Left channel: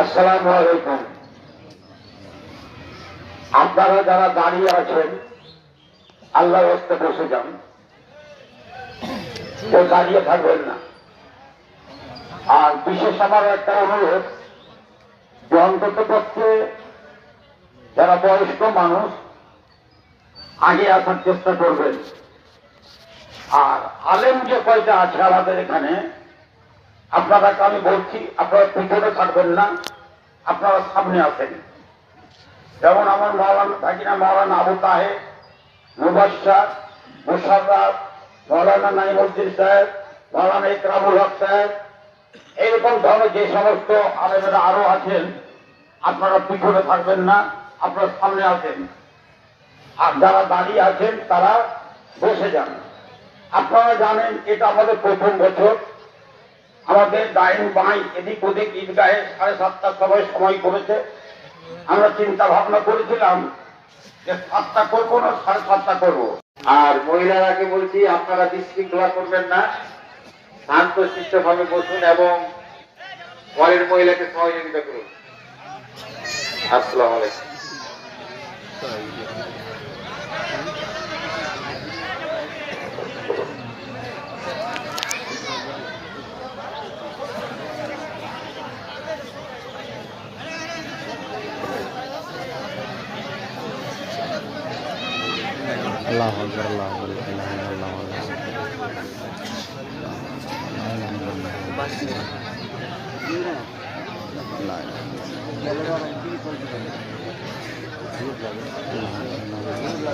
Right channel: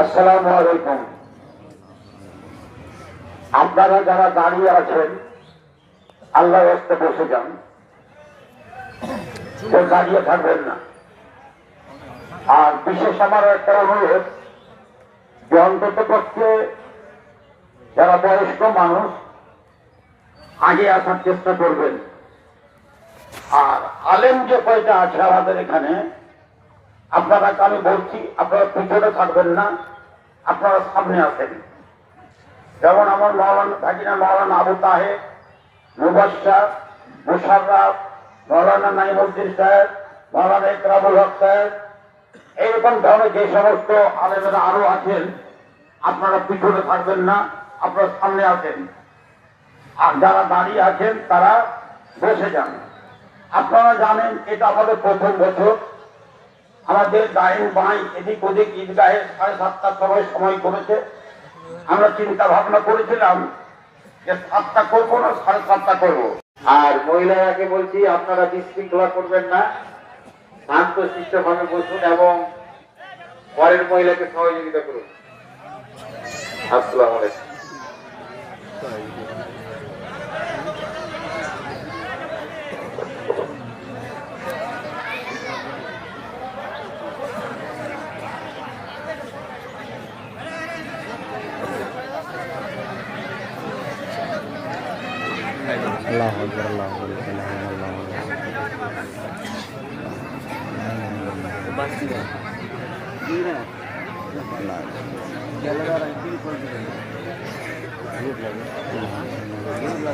আসসালামু আলাইকুম। আপনারা যারা দাঁড়িয়ে আছেন আল্লাহ রাস্তে বসে যান। কেউ দাঁড়িয়ে থাকবেন না। আর বিশেষ আমার একটা অনুরোধ, যে অন্তত পক্ষে যারা বয়স্ক মানুষ, আগে আসার চেষ্টা করবেন। আর আলেম যে কয়টা আছে আমাদের এখানে আপনারা আমি বলছি আপনারা পিছনে থাকবেন না। আপনারা সামনে আসেন যেমন আমার মৌলানা থাকি না মৌলানা আবু তাহে মুবাসার মুশাররাফ, মৌলানা নাইমুদ্দিন সাহেব, মৌলানা ইকরামুল হক সাহেব, এইরকম ধরনের যে সমস্ত আলেমেরা আরও আছেন, আপনারা পিছনে থাকবেন না, আপনারা সামনে আসেন আর যারা দাঁড়িয়ে আছেন, তারা বসে যান। আপনারা জানেন এটা আমাদের প্রথম বছর। আমাদের ডাইন বাই এদিক ওদিক ঈদগাহে সাড়ে সাতটার সময় সময় করেছে। আমরা চিন্তা ভাবনা করেছিলাম যে সাতটা করব না, সাড়ে সাতটা করব। আর মহিলারাকে বলছি, আপনারা বিশৃঙ্খলা করবেন না। শান্ত ভাবে বসুন এবং পরের মহিলাকে সহযোগিতা করুন। আসসালাম আলাইকুম। Allahu akbar Allahu la ilaha illallah Allahu akbar.